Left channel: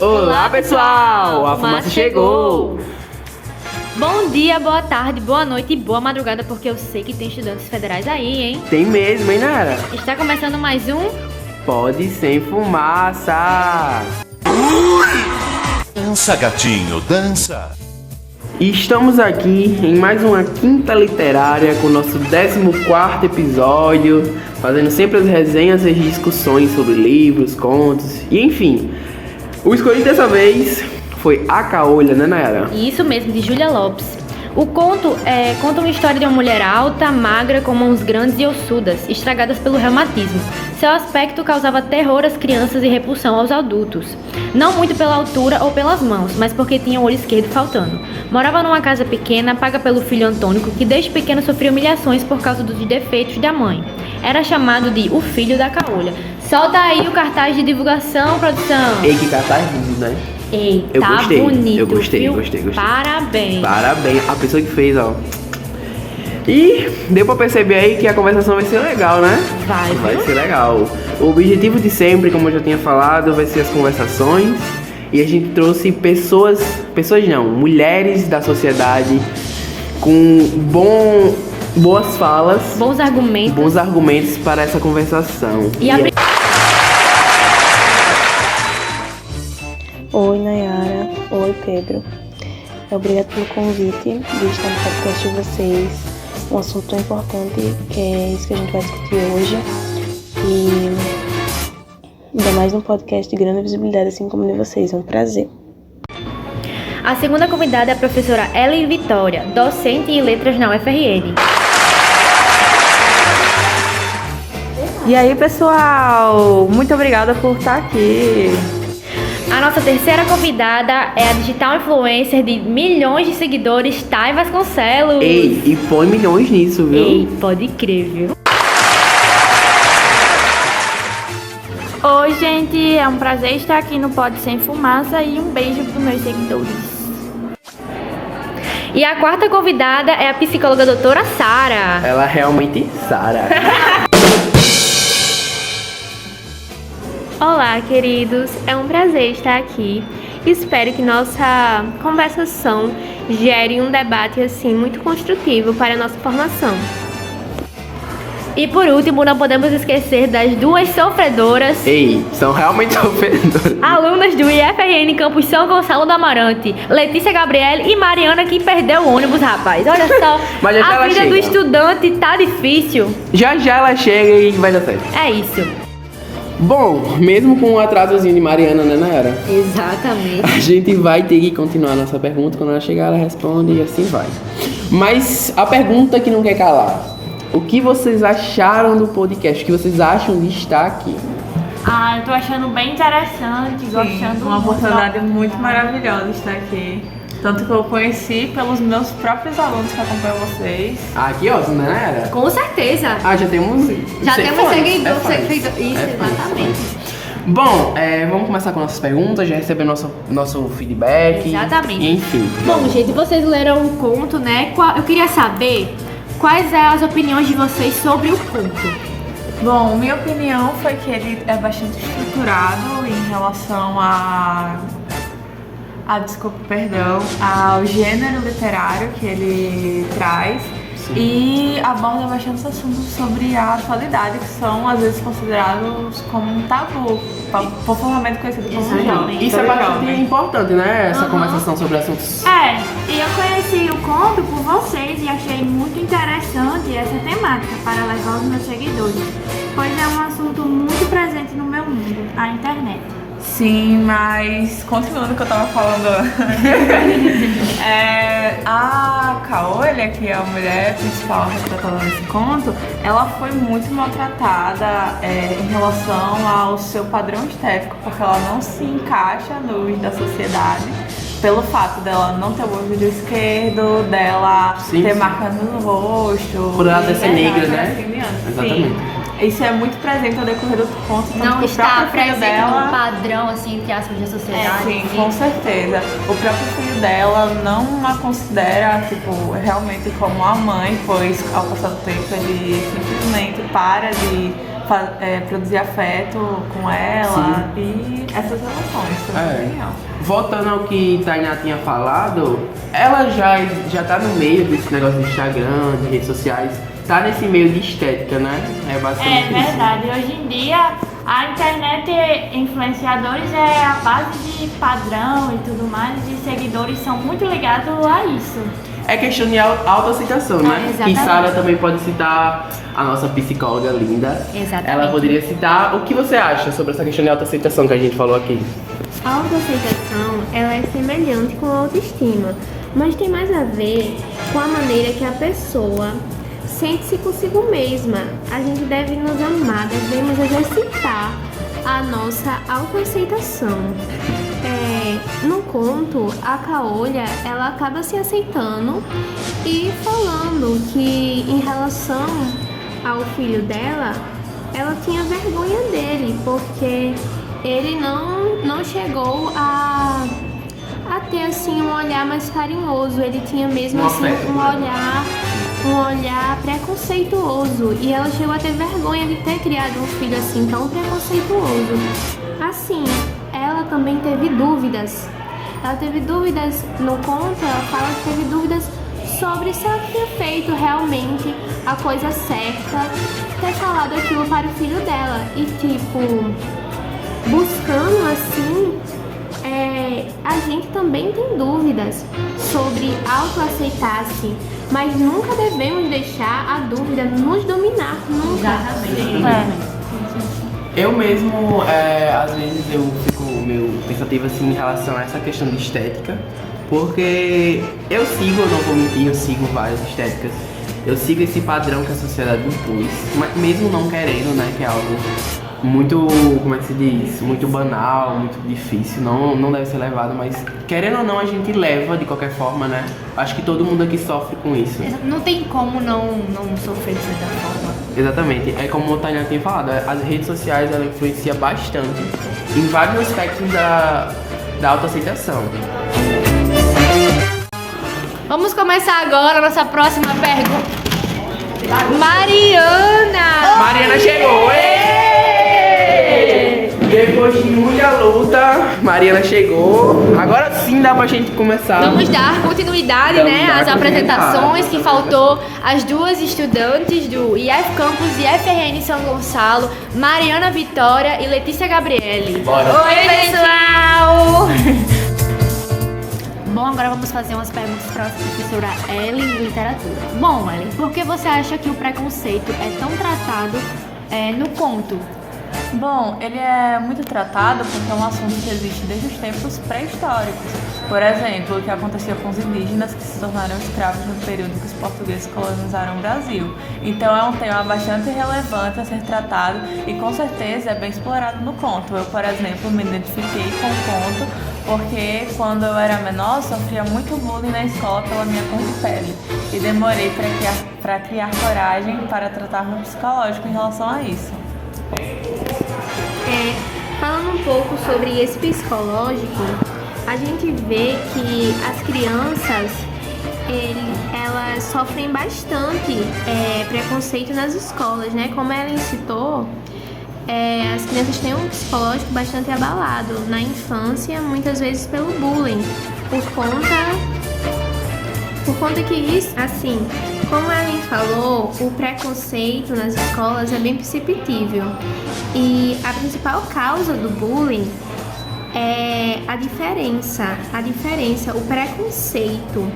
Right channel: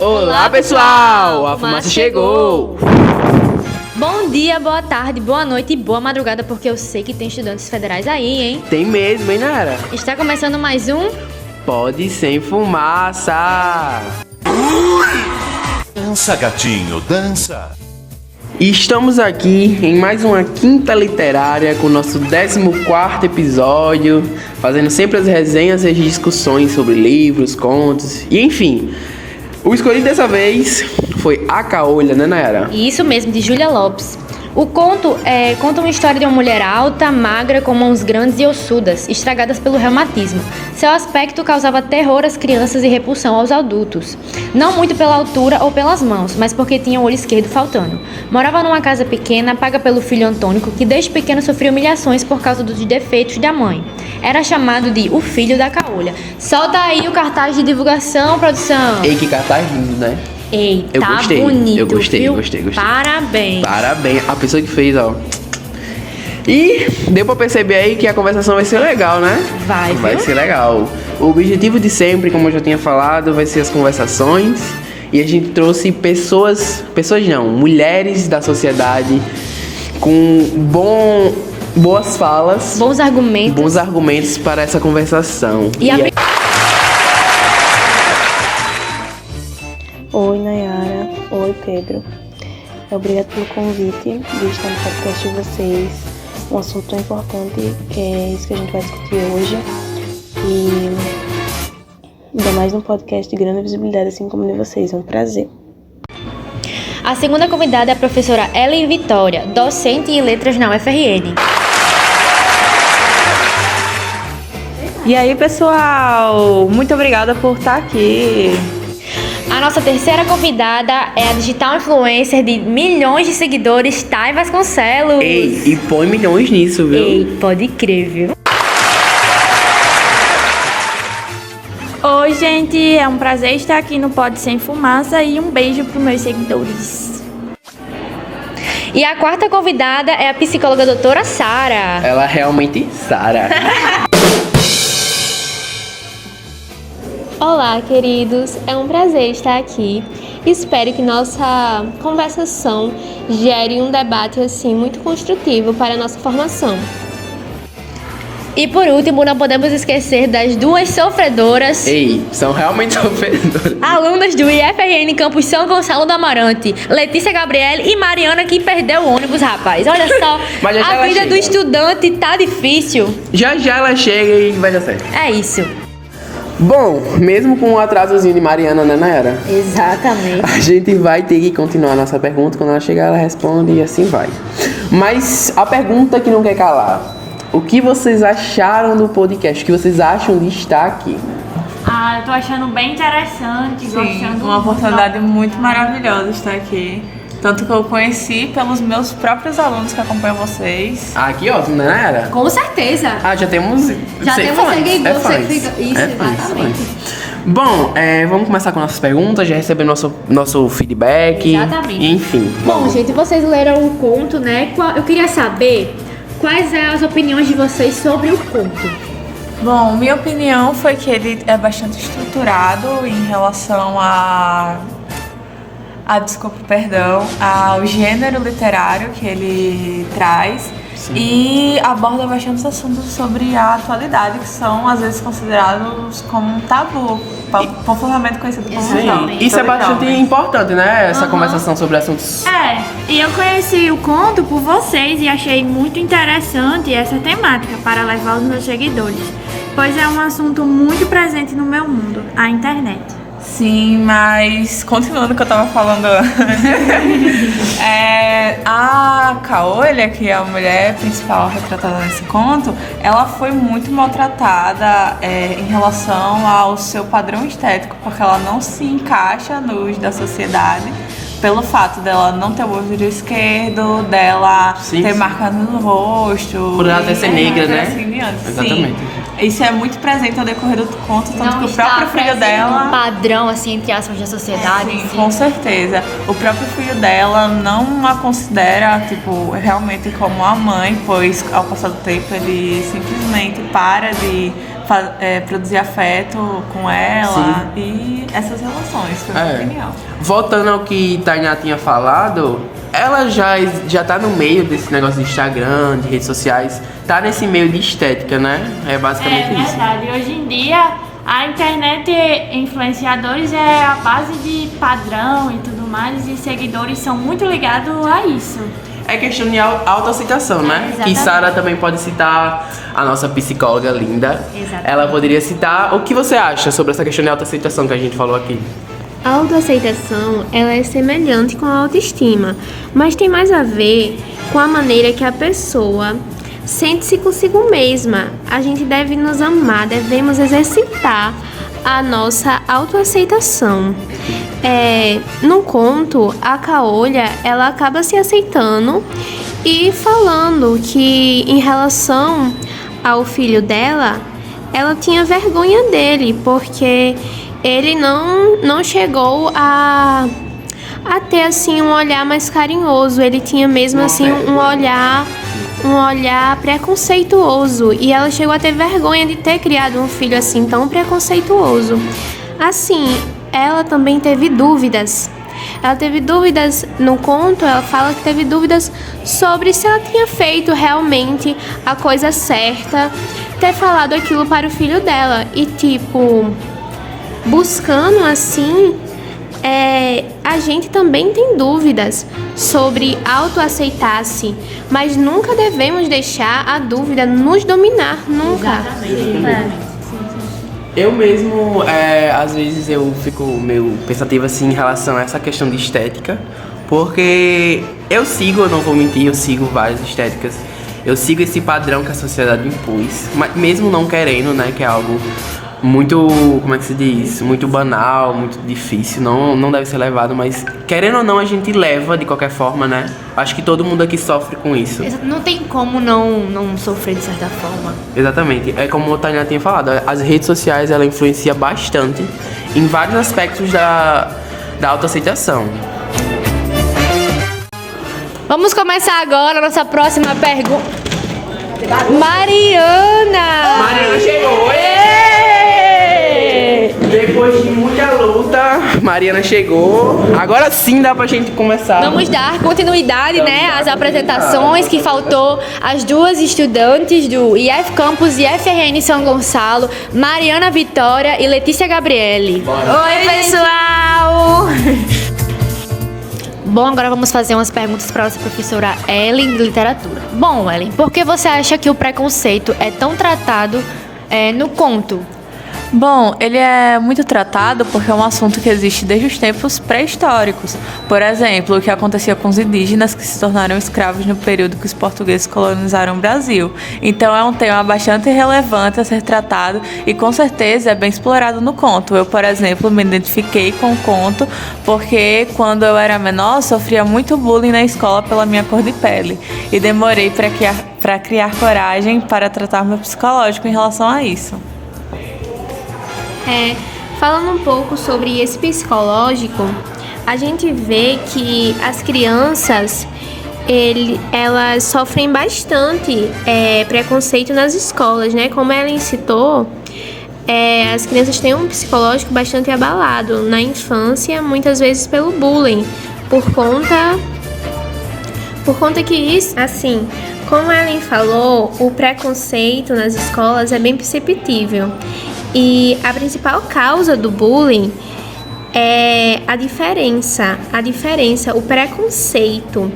Olá pessoal, a fumaça chegou! Bom dia, boa tarde, boa noite e boa madrugada, porque eu sei que tem estudantes federais aí, hein? Tem mesmo, hein, Nara? Está começando mais um... Pode Sem Fumaça! Dança, gatinho, dança! Estamos aqui em mais uma quinta literária com o nosso 14º episódio, fazendo sempre as resenhas e as discussões sobre livros, contos e enfim. O escolhido dessa vez foi A Caolha, né, Nayara? Isso mesmo, de Júlia Lopes. O conto conta uma história de uma mulher alta, magra, com mãos grandes e ossudas, estragadas pelo reumatismo. Seu aspecto causava terror às crianças e repulsão aos adultos. Não muito pela altura ou pelas mãos, mas porque tinha o olho esquerdo faltando. Morava numa casa pequena, paga pelo filho Antônico, que desde pequeno sofreu humilhações por causa dos defeitos da mãe. Era chamado de o filho da caolha. Solta aí o cartaz de divulgação, produção. Ei, que cartaz lindo, né? Ei, Eu tá gostei, bonito, eu gostei, viu? gostei. Parabéns. Parabéns, a pessoa que fez, ó. E deu pra perceber aí que a conversação vai ser legal, né? Vai ser legal. O objetivo de sempre, como eu já tinha falado, vai ser as conversações. E a gente trouxe mulheres da sociedade com boas falas, Bons argumentos. para essa conversação. Oi, Nayara. Oi, Pedro. Obrigado pelo convite de estar no podcast de vocês. Um assunto tão importante que é isso que a gente vai discutir hoje. E ainda mais num podcast de grande visibilidade, assim como de vocês. É um prazer. A segunda convidada é a professora Ellen Vitória, docente em letras na UFRN. E aí, pessoal? Muito obrigada por estar aqui. A nossa terceira convidada é a digital influencer de milhões de seguidores, Thay Vasconcelos. Ei, e põe milhões nisso, viu? Ei, pode crer, viu? Oi, gente, é um prazer estar aqui no Pode Sem Fumaça e um beijo para meus seguidores. E a quarta convidada é a psicóloga doutora Sara. Ela realmente Sara. Olá, queridos. É um prazer estar aqui. Espero que nossa conversação gere um debate assim muito construtivo para a nossa formação. E por último, não podemos esquecer das duas sofredoras. Ei, são realmente sofredoras. Alunas do IFRN Campus São Gonçalo do Amarante, Letícia Gabriele e Mariana, que perdeu o ônibus, rapaz. Olha só, Mas já a ela vida chega. do estudante tá difícil. Já ela chega e vai dar certo. É isso. Bom, mesmo com o atrasozinho de Mariana, né, Nayara? Exatamente. A gente vai ter que continuar a nossa pergunta. Quando ela chegar, ela responde e assim vai. Mas a pergunta que não quer calar: o que vocês acharam do podcast? O que vocês acham de estar aqui? Eu tô achando bem interessante, gostando Uma oportunidade muito maravilhosa estar aqui. Tanto que eu conheci pelos meus próprios alunos que acompanham vocês. Aqui, ó, né, Nayara? Com certeza. Já temos Já temos seguidores. Isso, É exatamente. Bom, vamos começar com nossas perguntas, já recebemos nosso feedback. Exatamente. Enfim. Bom, gente, vocês leram o conto, né? Eu queria saber quais são as opiniões de vocês sobre o conto. Bom, minha opinião foi que ele é bastante estruturado em relação ao gênero literário que ele traz. Sim. E aborda bastante assuntos sobre a atualidade, que são às vezes considerados como um tabu, popularmente conhecido como tabu. Isso é bastante importante, né? Essa conversação sobre assuntos. E eu conheci o conto por vocês e achei muito interessante essa temática para levar os meus seguidores, pois é um assunto muito presente no meu mundo, a internet. Sim, mas continuando o que eu tava falando a Caolha, que é a mulher principal retratada nesse conto, ela foi muito maltratada em relação ao seu padrão estético, porque ela não se encaixa nos da sociedade, pelo fato dela não ter o olho esquerdo, dela ter marca no rosto. Por ela ser negra, né? Assim, Exatamente. Isso é muito presente ao decorrer do conto, tanto que o próprio filho dela... um padrão, assim, entre aspas, da sociedade. Sim, com certeza. O próprio filho dela não a considera, tipo, realmente como uma mãe, pois ao passar do tempo ele simplesmente para de produzir afeto com ela. Sim. E essas relações, foi muito genial. Voltando ao que Tainá tinha falado, ela já tá no meio desse negócio de Instagram, de redes sociais, tá nesse meio de estética, né? É basicamente isso. Verdade. Hoje em dia, a internet influenciadores é a base de padrão e tudo mais, e seguidores são muito ligados a isso. É questão de autoaceitação, né? exatamente. E Sara também pode citar a nossa psicóloga linda. Exatamente. Ela poderia citar o que você acha sobre essa questão de autoaceitação que a gente falou aqui. A autoaceitação, ela é semelhante com a autoestima, mas tem mais a ver com a maneira que a pessoa sente-se consigo mesma. A gente deve nos amar, devemos exercitar a nossa autoaceitação. No conto, a Caolha, ela acaba se aceitando e falando que em relação ao filho dela, ela tinha vergonha dele, porque ele não chegou a ter assim um olhar mais carinhoso. Ele tinha mesmo assim um olhar preconceituoso, e ela chegou a ter vergonha de ter criado um filho assim tão preconceituoso. Assim, ela também teve dúvidas. Ela teve dúvidas no conto, ela fala que teve dúvidas sobre se ela tinha feito realmente a coisa certa, ter falado aquilo para o filho dela. E tipo, buscando assim, a gente também tem dúvidas sobre autoaceitar-se, mas nunca devemos deixar a dúvida nos dominar, nunca. Eu mesmo, às vezes eu fico meio pensativo assim em relação a essa questão de estética, porque eu não vou mentir, eu sigo várias estéticas, eu sigo esse padrão que a sociedade impôs, mas mesmo não querendo, né, que é algo muito, como é que se diz, muito banal, muito difícil, não deve ser levado, mas querendo ou não a gente leva de qualquer forma, né? Acho que todo mundo aqui sofre com isso. Não tem como não sofrer de certa forma. Exatamente, é como o Tainá tinha falado, as redes sociais ela influencia bastante em vários aspectos da autoaceitação. Vamos começar agora a nossa próxima pergunta. Mariana! Mariana chegou! Depois de muita luta, Mariana chegou. Agora sim dá pra gente começar. Vamos dar continuidade, né, às apresentações que faltou as duas estudantes do IF Campus e FRN São Gonçalo, Mariana Vitória e Letícia Gabriele. Bora. Oi, pessoal! Bom, agora vamos fazer umas perguntas para a nossa professora Ellen de literatura. Bom, Ellen, por que você acha que o preconceito é tão tratado no conto? Bom, ele é muito tratado porque é um assunto que existe desde os tempos pré-históricos. Por exemplo, o que acontecia com os indígenas que se tornaram escravos no período que os portugueses colonizaram o Brasil. Então é um tema bastante relevante a ser tratado e com certeza é bem explorado no conto. Eu, por exemplo, me identifiquei com o conto porque quando eu era menor sofria muito bullying na escola pela minha cor de pele e demorei para criar coragem para tratar meu psicológico em relação a isso. Falando um pouco sobre esse psicológico, a gente vê que as crianças, elas sofrem bastante preconceito nas escolas, né? Como ela citou, as crianças têm um psicológico bastante abalado na infância, muitas vezes pelo bullying, por conta que isso, assim, como a Ellen falou, o preconceito nas escolas é bem perceptível. E a principal causa do bullying é a diferença, o preconceito.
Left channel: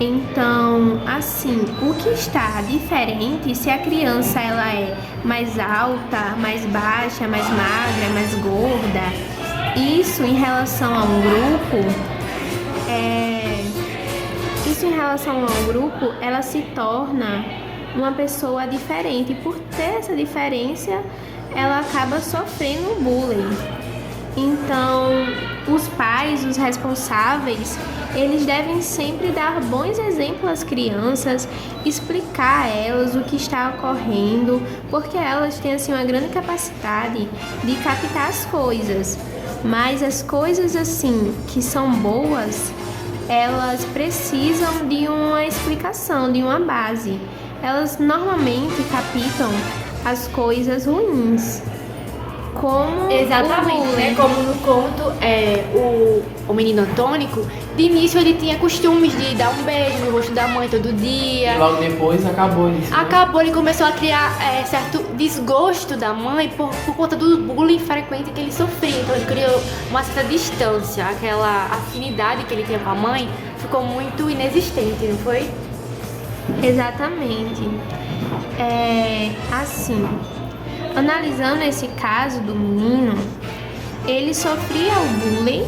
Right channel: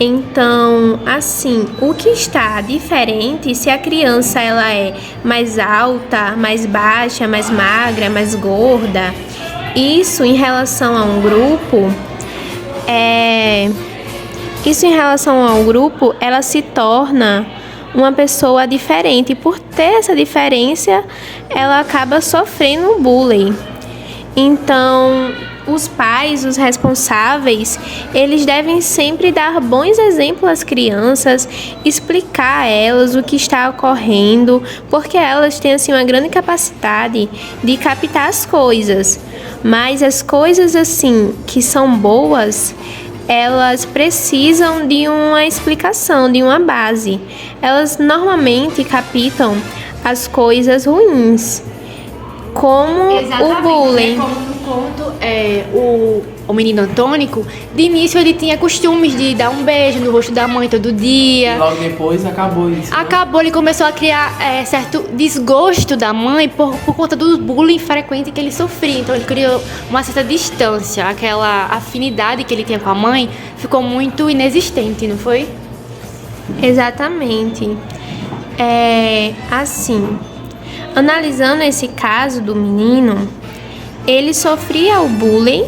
Então, assim, o que está diferente, se a criança ela é mais alta, mais baixa, mais magra, mais gorda, isso em relação a um grupo, ela se torna uma pessoa diferente. Por ter essa diferença, ela acaba sofrendo bullying. Então, os pais, os responsáveis, eles devem sempre dar bons exemplos às crianças, explicar a elas o que está ocorrendo, porque elas têm assim uma grande capacidade de captar as coisas. Mas as coisas assim que são boas, elas precisam de uma explicação, de uma base. Elas normalmente captam as coisas ruins, como o bullying. Como no conto, o menino Antônico, de início ele tinha costumes de dar um beijo no rosto da mãe todo dia. E logo depois acabou isso. Né? Acabou, ele começou a criar certo desgosto da mãe por conta do bullying frequente que ele sofria. Então ele criou uma certa distância, aquela afinidade que ele tinha com a mãe ficou muito inexistente, não foi? Exatamente. Assim, analisando esse caso do menino, ele sofria o bullying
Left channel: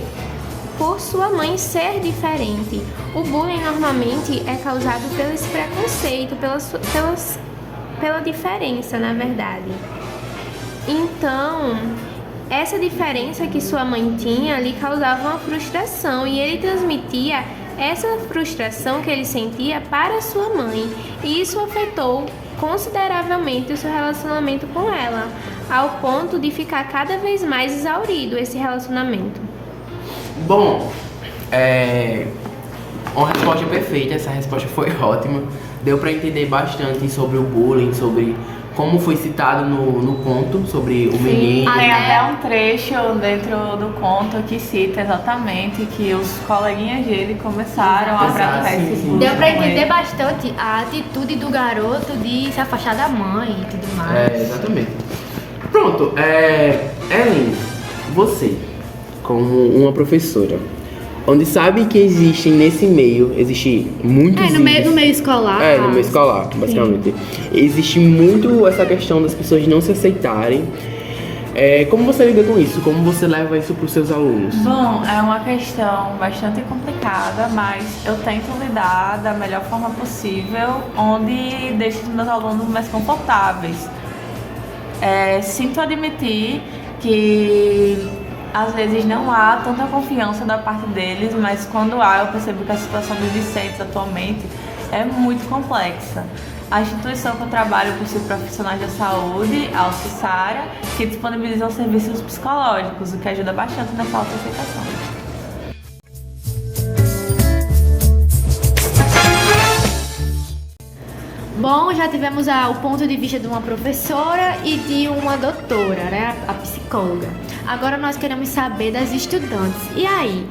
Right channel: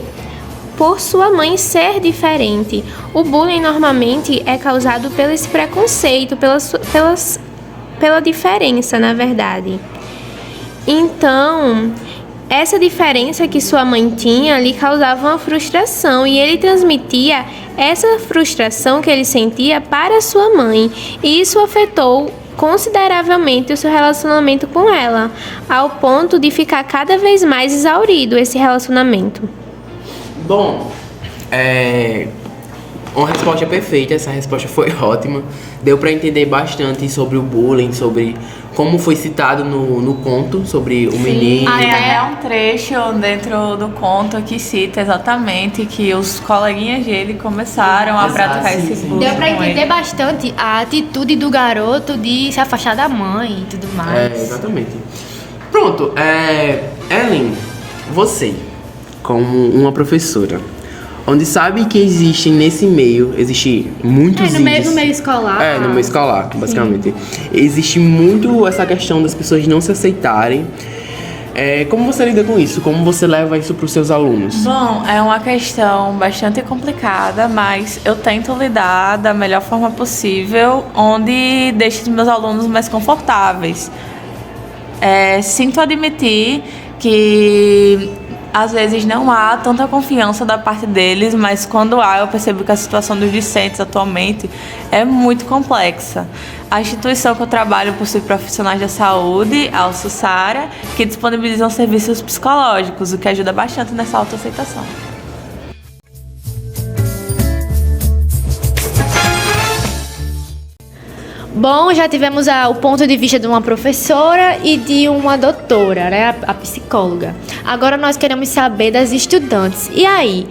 por sua mãe ser diferente. O bullying normalmente é causado pelo esse preconceito, pela diferença, na verdade. Então, essa diferença que sua mãe tinha lhe causava uma frustração e ele transmitia essa frustração que ele sentia para sua mãe. E isso afetou consideravelmente o seu relacionamento com ela, ao ponto de ficar cada vez mais exaurido esse relacionamento. Bom, uma resposta perfeita, essa resposta foi ótima. Deu pra entender bastante sobre o bullying, sobre como foi citado no conto, sobre o menino. Tem até um trecho dentro do conto que cita exatamente que os coleguinhas dele começaram a praticar esse bullying. Deu pra entender bastante a atitude do garoto de se afastar da mãe e tudo mais. Exatamente. Pronto, Ellen, você, como uma professora, onde sabe que existe muitos no meio escolar. No meio escolar, basicamente. Sim. Existe muito essa questão das pessoas não se aceitarem. Como você lida com isso? Como você leva isso para os seus alunos? Bom, é uma questão bastante complicada, mas eu tento lidar da melhor forma possível, onde deixo os meus alunos mais confortáveis. Sinto admitir que às vezes não há tanta confiança da parte deles, mas quando há, eu percebo que a situação dos discentes atualmente é muito complexa. A instituição que eu trabalho possui profissionais da saúde, a Alcissara, que disponibilizam serviços psicológicos, o que ajuda bastante nessa autoaceitação. Bom, já tivemos o ponto de vista de uma professora e de uma doutora, né, a psicóloga. Agora nós queremos saber das estudantes. E aí,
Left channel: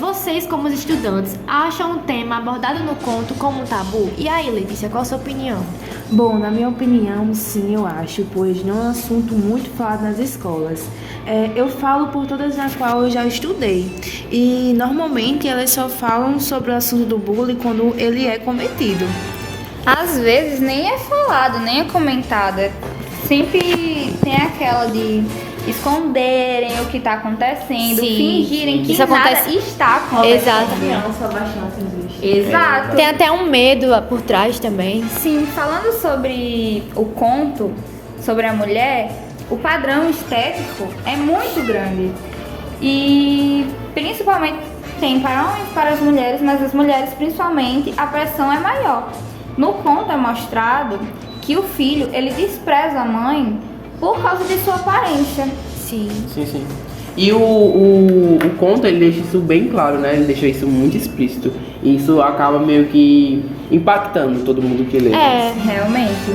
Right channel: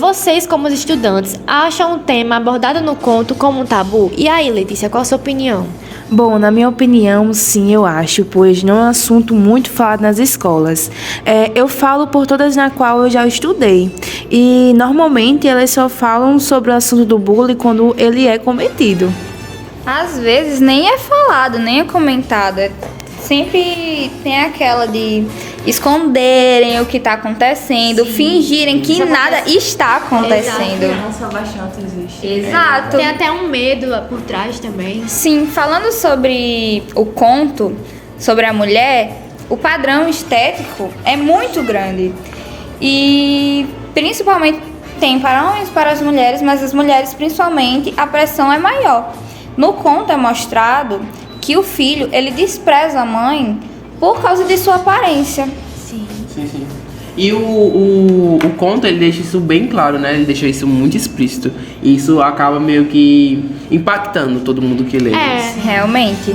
vocês como os estudantes, acham o tema abordado no conto como um tabu? E aí, Letícia, qual a sua opinião? Bom, na minha opinião, sim, eu acho, pois não é um assunto muito falado nas escolas. Eu falo por todas na qual eu já estudei. E, normalmente, elas só falam sobre o assunto do bullying quando ele é cometido. Às vezes nem é falado, nem é comentado. Sempre tem aquela de esconderem o que está acontecendo, fingirem que nada está acontecendo. Exato. Tem até um medo por trás também. Sim, falando sobre o conto, sobre a mulher, o padrão estético é muito grande. E principalmente tem para homens e para as mulheres, mas as mulheres principalmente a pressão é maior. No conto é mostrado que o filho, ele despreza a mãe por causa de sua aparência. Sim. E o conto, ele deixa isso bem claro, né? Ele deixa isso muito explícito. E isso acaba meio que impactando todo mundo que lê. Realmente.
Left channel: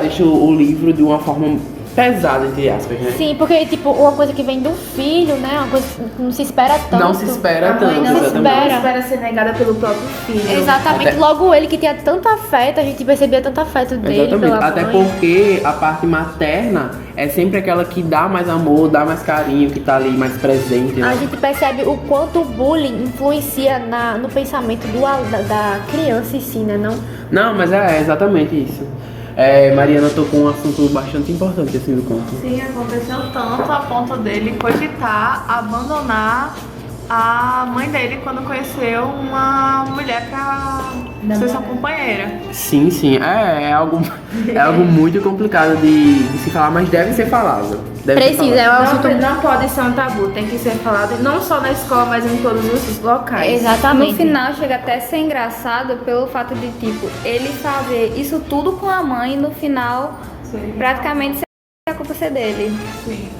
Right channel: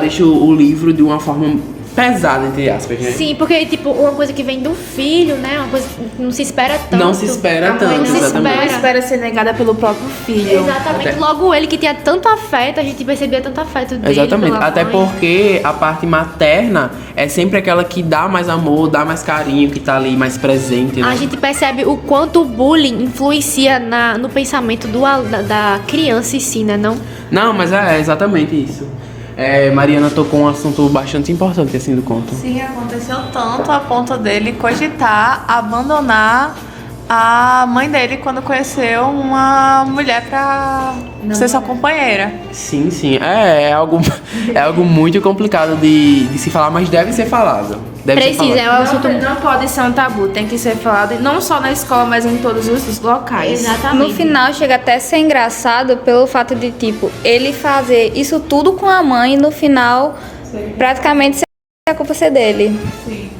Deixa o livro de uma forma pesada, entre aspas, né? Sim, porque, tipo, uma coisa que vem do filho, né? Uma coisa que não se espera tanto. Não se espera tanto, Não espera ser negada pelo próprio filho. Exatamente. Logo ele que tinha tanto afeto, a gente percebia tanto afeto dele pela Até mãe. porque a parte materna é sempre aquela que dá mais amor, dá mais carinho, que tá ali mais presente, né? A gente percebe o quanto o bullying influencia no pensamento da criança em si, né? Não, mas é exatamente isso. Mariana tocou um assunto bastante importante assim do conto. Sim, aconteceu tanto a ponto dele cogitar abandonar a mãe dele quando conheceu uma mulher pra ser sua companheira. Sim, é algo muito complicado de se falar, mas deve ser falado. Não pode ser um tabu, tem que ser falado, e não só na escola, mas em todos os locais. Exatamente. No final chega até a ser engraçado pelo fato de, tipo, ele fazer isso tudo com a mãe e no final praticamente a culpa ser dele.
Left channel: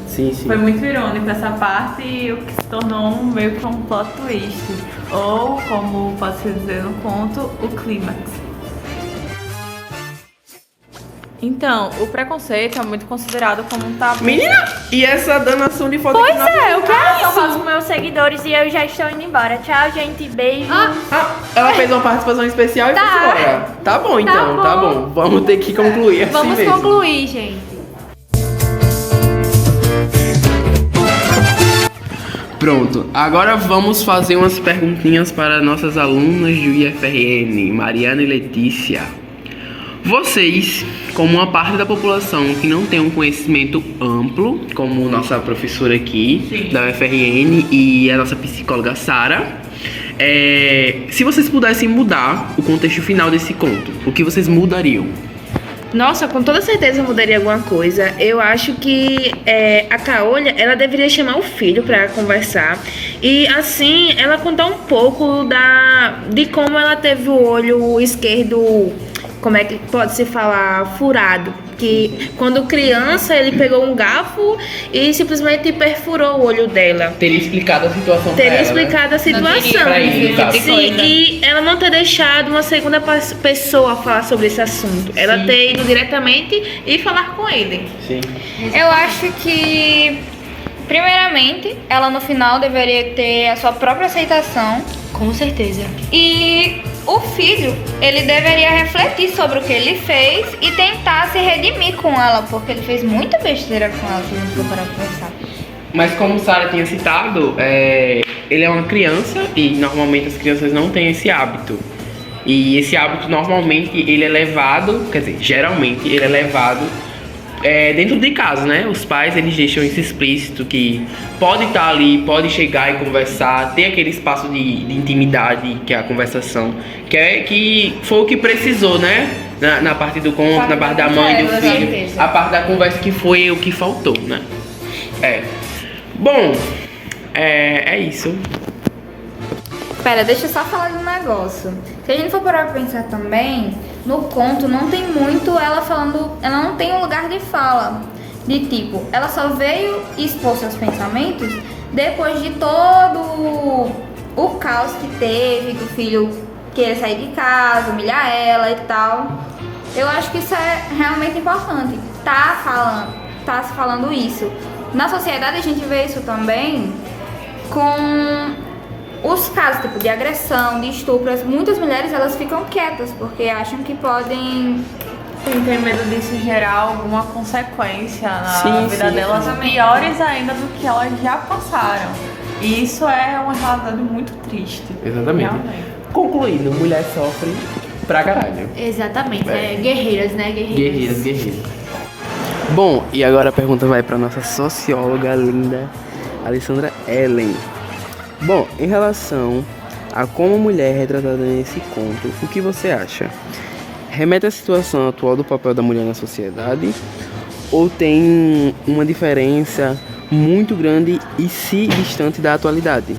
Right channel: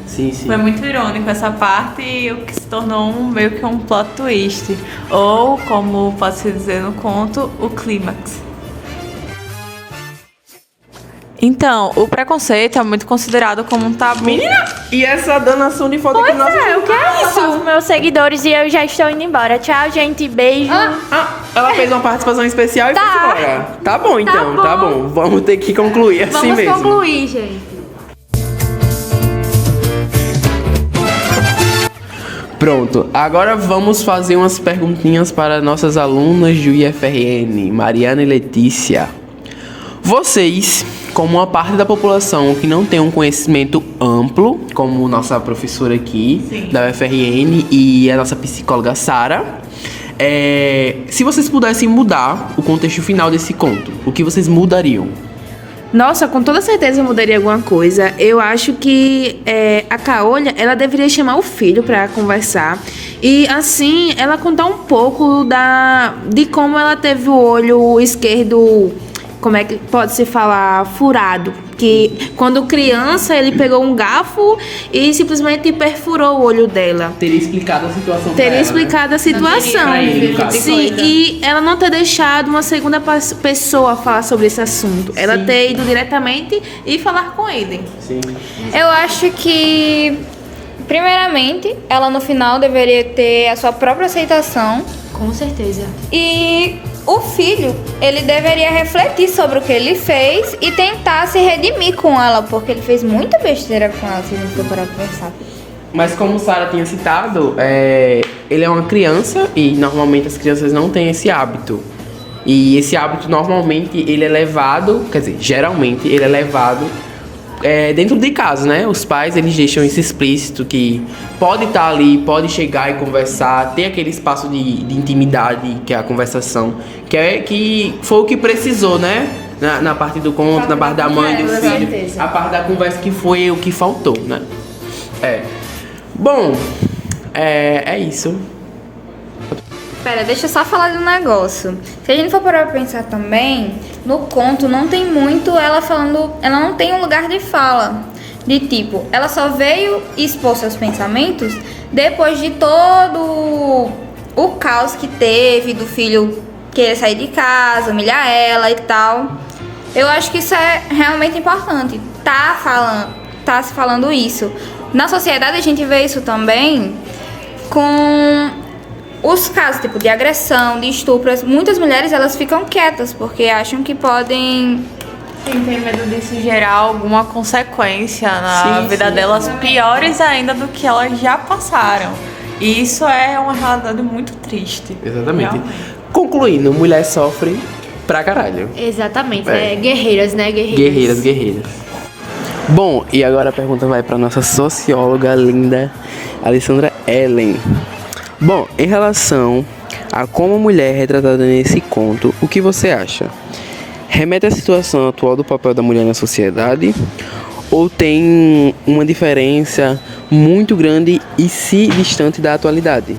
Sim. Foi muito irônico essa parte e o que se tornou meio que um plot twist. Ou, como pode-se dizer no conto, o clímax. Então, o preconceito é muito considerado como um tabu. Menina, e essa danação de foto aqui? O que é isso? seguidores e eu já estou indo embora. Tchau, gente. Beijo. Ela fez uma participação especial e foi embora. Tá bom, então, bom. tá bom. Vamos ter que concluir assim Vamos mesmo. concluir, gente. Pronto, agora vamos fazer umas perguntinhas para nossas alunas do IFRN, Mariana e Letícia. Vocês, como uma parte da população que não tem um conhecimento amplo, como nossa professora aqui da UFRN e a nossa psicóloga Sara, se vocês pudessem mudar o contexto final desse conto, o que vocês mudariam? Nossa, com toda certeza eu mudaria alguma coisa. Eu acho que a Caolha, ela deveria chamar o filho pra conversar e assim ela contar um pouco de como ela teve o olho esquerdo, como é que pode se falar, furado. Que quando criança ele pegou um garfo e simplesmente perfurou o olho dela. Teria explicado a situação Teria pra ela, explicado a situação. Sim, e ela não ter deixado uma segunda pessoa falar sobre esse assunto. Ela ter ido diretamente e falar com ele. Sim. Eu acho que, primeiramente, ela no final deveria ter a sua própria aceitação. Com certeza. E o filho, ele deveria refletir sobre o que ele fez e tentar se redimir com ela, porque ele fez muita besteira com ela, se a gente for parar pra pensar. Mas como Sara tinha citado, ele é uma criança e normalmente as crianças não têm esse hábito. E esse hábito normalmente ele é levado, quer dizer, geralmente ele é levado dentro de casa, né? Os pais eles deixam isso explícito que pode estar ali, pode chegar e conversar, ter aquele espaço de intimidade que é a conversação, que foi o que precisou, né? Na parte do conto, na parte da mãe, do filho, a parte da conversa que foi o que faltou, né? Bom, é isso. Pera, deixa eu só falar de um negócio. Se a gente for parar pra pensar também, no conto não tem muito ela falando, ela não tem um lugar de fala. De tipo, ela só veio expor seus pensamentos depois de todo o caos que teve, do filho querer sair de casa, humilhar ela e tal. Eu acho que isso é realmente importante, tá se falando isso. Na sociedade a gente vê isso também com os casos tipo de agressão, de estupro. Muitas mulheres elas ficam quietas porque acham que podem Tem medo disso gerar alguma consequência na vida delas, piores ainda do que elas já passaram. E isso é uma realidade muito triste. Exatamente. Realmente. Concluindo, mulher sofre pra caralho. Exatamente, guerreiras, né? Guerreiras. Bom, e agora a pergunta vai pra nossa socióloga linda, Alessandra Ellen. Bom, em relação a como a mulher é retratada nesse conto, o que você acha? Remete à situação atual do papel da mulher na sociedade? Ou tem uma diferença muito grande e se distante da atualidade?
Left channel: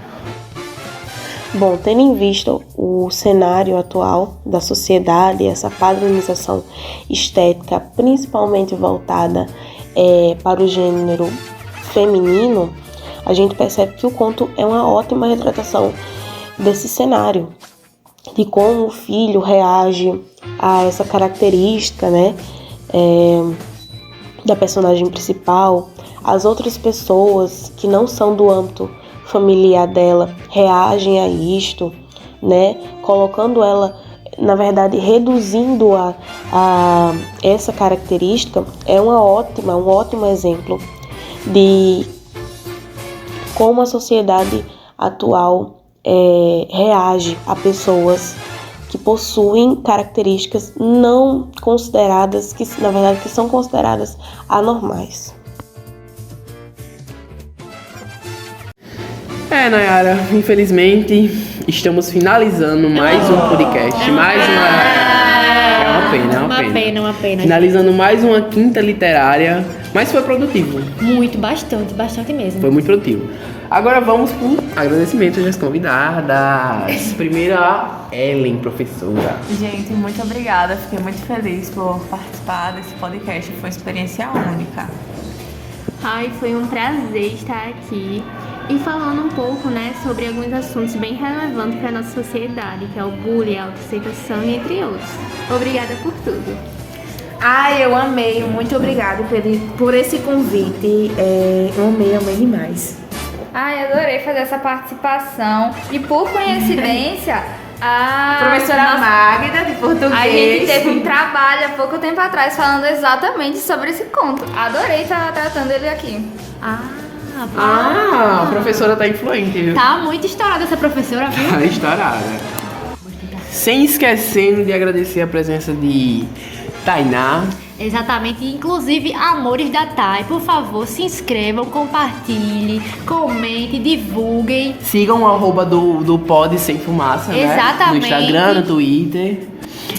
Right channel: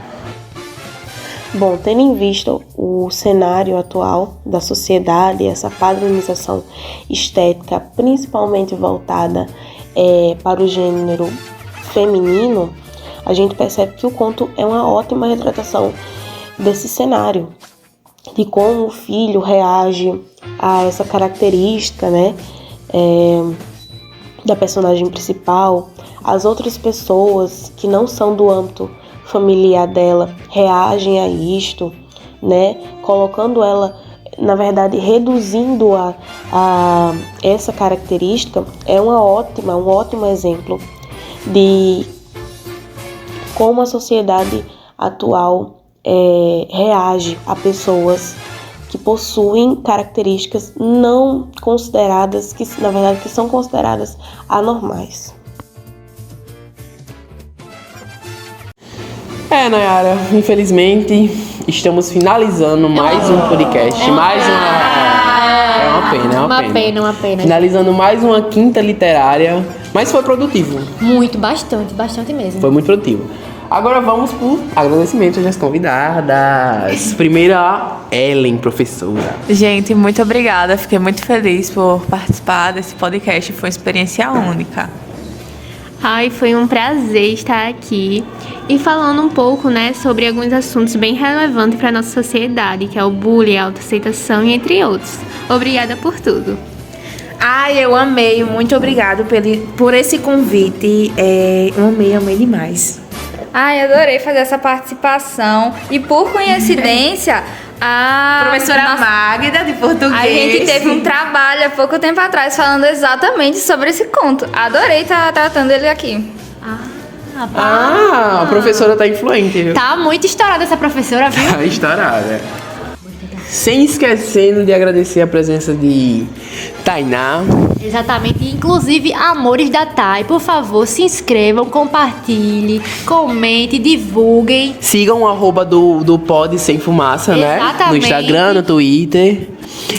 Bom, tendo em vista o cenário atual da sociedade, essa padronização estética, principalmente voltada para o gênero feminino, a gente percebe que o conto é uma ótima retratação desse cenário, de como o filho reage a essa característica, né, da personagem principal. As outras pessoas que não são do âmbito familiar dela reagem a isto, né, colocando ela, na verdade, reduzindo a essa característica. É um ótimo exemplo de como a sociedade atual reage a pessoas que possuem características não consideradas, que na verdade que são consideradas anormais. Nayara, infelizmente estamos finalizando mais um podcast, É uma pena. Finalizando mais uma quinta literária, mas foi produtivo. Bastante mesmo. Foi muito produtivo. Agora vamos por agradecimentos das convidadas. Primeiro a Ellen, professora. Gente, muito obrigada. Fiquei muito feliz por participar desse podcast. Foi uma experiência única. Ai, foi um prazer estar aqui e falando um pouco, né, sobre alguns assuntos bem relevantes para a nossa sociedade, que é o bullying, a autoaceitação e entre outros. Obrigada por tudo. Ai, eu amei. Muito obrigada por esse convite. Amei demais. Ai, adorei fazer essa participação. E por coincidência, a Professora Magda, de português. A gente teve um trabalho há pouco tempo atrás falando exatamente sobre esse conto. Adorei estar tratando ele aqui. A professora tá influente, viu? Tá muito estourada essa professora, viu? Tá estourada. Sem esquecendo de agradecer a presença de Tainá. Exatamente, inclusive amores da Thay, por favor, se inscrevam, compartilhem, comentem, divulguem. Sigam o arroba do Pod Sem Fumaça, né? Exatamente. No Instagram, no Twitter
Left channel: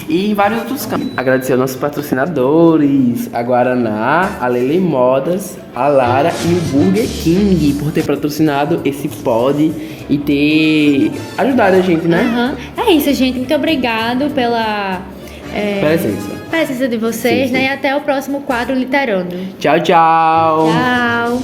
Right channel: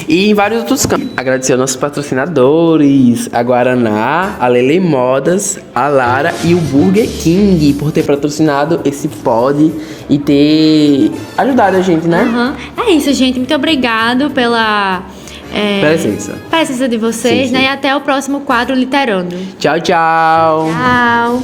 e em vários outros campos. Agradecer aos nossos patrocinadores, a Guaraná, a Lele Modas, a Lara e o Burger King por ter patrocinado esse pod e ter ajudado a gente, né? Aham. É isso, gente. Muito obrigado pela Presença. presença de vocês, Sim, né? sim. E até o próximo quadro Literando. Tchau, tchau. Tchau.